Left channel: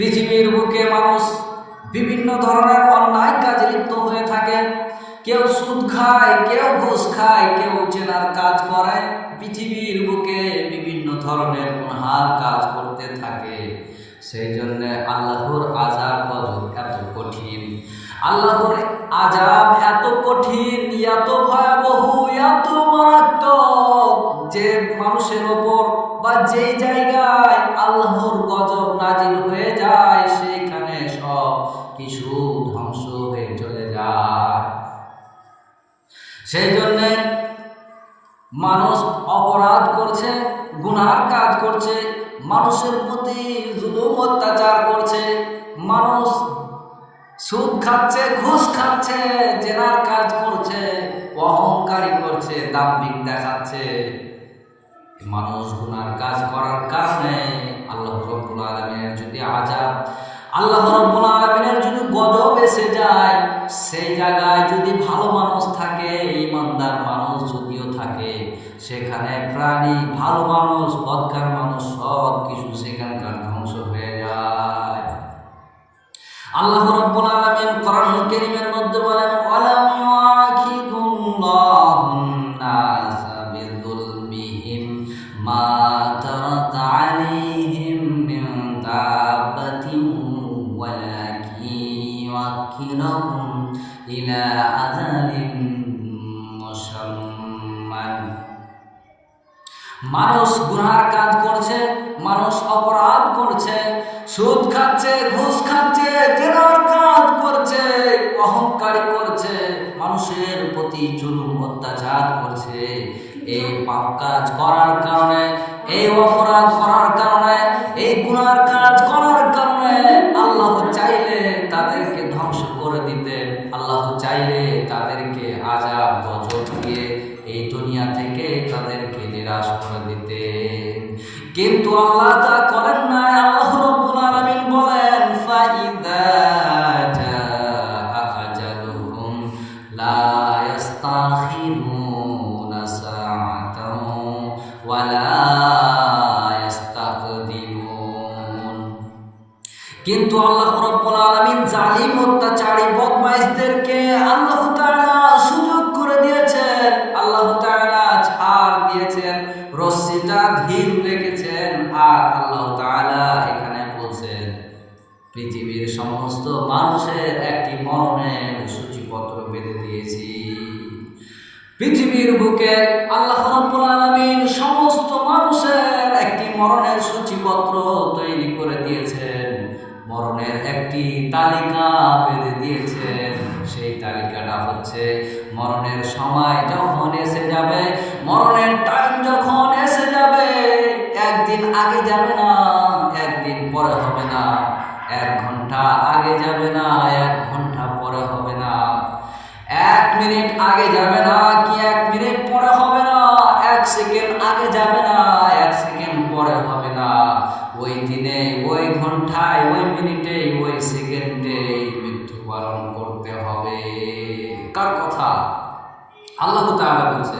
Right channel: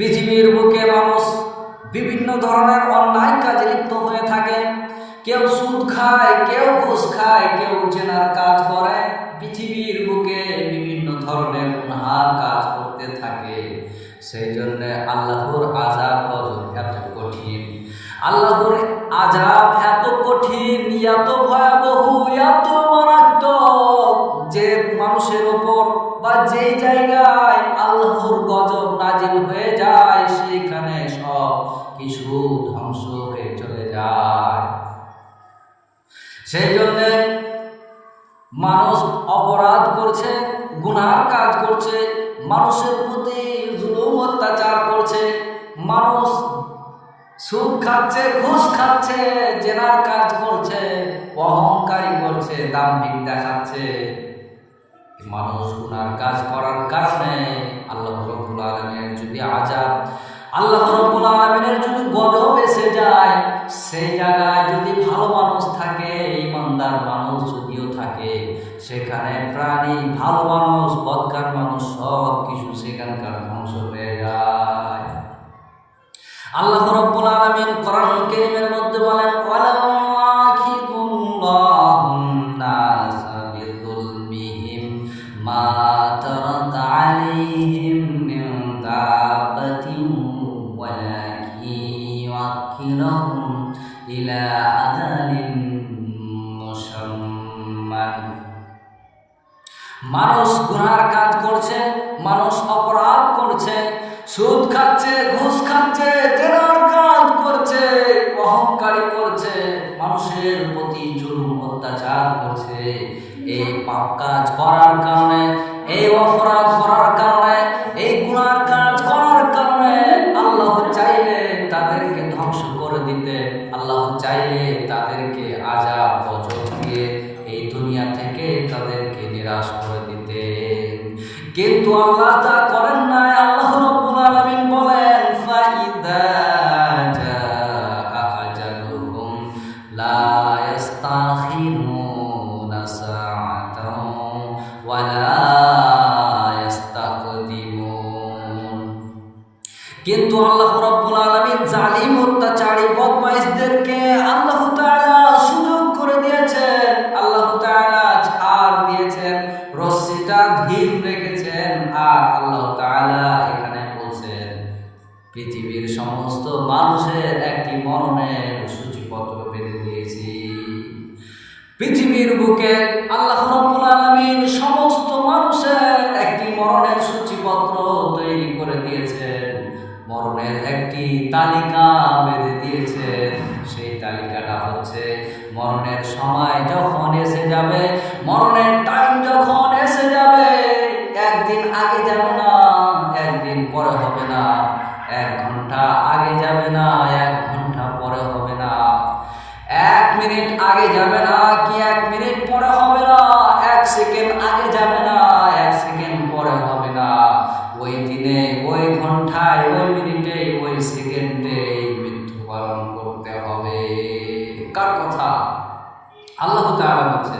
পৃথিবীর বুকে মানুষ বিভিন্ন ধরনের অন্যায় কাজে লিপ্ত হয়ে থাকে। কেউ সুদ খায়, কেউ ঘুষ খায়, কেউ জেনার কাজ করে। পৃথিবীর বুকে বিভিন্ন ধরনের গুনার কাজ করতে থাকে। সেই জন্য আল্লাহর আযাব গজব এত কঠিন, আল্লাহর আযাব এত কঠিন, এত ভয়াবহ, এত মারাত্মক যে মানুষের ওপর বা যেই জায়গায় আল্লাহর গজব নাজিল হয়ে যায় সেইখানে সব কিছু ধ্বংস হয়ে চলে যায়। সেই জন্যে মানুষ অপরাধ করছে, গুনার কাজ করছে, মানুষের প্রতি জুলুম অত্যাচার করছে, মানুষ সুদ খাচ্ছে, ঘুষ খাচ্ছে, জেনার কাজ করছে, অহংকারী করছে, দাম্ভিক দেখাচ্ছে। মানুষ গুনার কাজ করার কারণে আল্লাহ রাব্বুল আলামিনের যদি আযাব, আল্লাহ রাব্বুল আলামিনের যদি গজব এসে যায়, সেই জায়গায় যদি ভালো মানুষ থাকে, ইমানদার মানুষ যদিও থাকে, সেখানে প্রাণী, ভালো মানুষ, বদকার মানুষ সব কিছু সেখানকার ধ্বংস হয়ে যায়। আল্লাহ রাব্বুল আলামিন কোরআনুল কারীমের মধ্যে বলেন, ওয়ালা ইউআখিযুল্লাহুন নাসা বিযুলমিহিম মা তারাকা আলাইহিম মিন দাব্বাতিন ওয়ালাকিন ইউআখিরুহুম ইলা আজালিন মুসাম্মান। মানুষ গুনার কাজ করছে, মানুষ অপরাধ করছে, সুদ খাচ্ছে, ঘুষ খাচ্ছে, জেনার কাজ করছে, অহংকারী করছে, মানুষের প্রতি জুলুম অত্যাচার করছে। এই পাপ কাজ করার কারণে, এই অপরাধ করার কারণে, এই গুনার কাজ করার কারণে আল্লাহ চাইলে তাদেরকে ধ্বংস করে দিতে, আল্লাহ চাইলে তাদেরকে আযাব গজব দিয়ে এই দুনিয়া থেকে তাদেরকে নিরাশ করে দিতে, কিন্তু আল্লাহ তা করেন নাই। আল্লাহ রাব্বুল আলামিন বলেন, ফাইদা জাআ আজালুহুম লা ইস্তাখিরুনা সাআতাও ওয়া লা ইস্তাকদিমুন। কিন্তু আল্লাহ রাব্বুল আলামিন জালিম, অত্যাচারী, বদমাইশদেরকে আল্লাহ তাআলা সুযোগ করে দিয়েছেন, আল্লাহ তাআলা ছাড় দিয়েছেন, রশ্মিটা ধীর রেখেছেন। আর আল্লাহ তাআলা এখানে বলছেন, পৃথিবীর সমস্ত মানুষের একটি মরণের সূচিপত্র বেঁধে দিয়েছি। পৃথিবীর বুকে আল্লাহ রাব্বুল আলামিন সমস্ত মানুষের একটি মরণের সূচিপত্র তৈরি করে দিয়েছেন, মরণের একটি তালিকা বেঁধে দিয়েছেন। সেই তালিকাটা হচ্ছে, মরণের সময় যখন এসে যাবে, মরণের টাইম যখন এসে যাবে, একদিন আগে যাবে না, একদিন পরে হবে না, 1 ঘন্টা আগে যাবে না, 1 ঘন্টা পরে হবে না, 1 মিনিট আগে যাবে না কি 1 মিনিট পরে হবে না, 1 সেকেন্ড আগে যাবে না, 1 সেকেন্ড পরে হবে না। ওই দিনে, ওই ঘন্টায়, ওই মিনিটে, ওই সেকেন্ডে মৃত্যুবরণ করতে হবে। কার কথা? আল্লাহ তাআলা বলছে।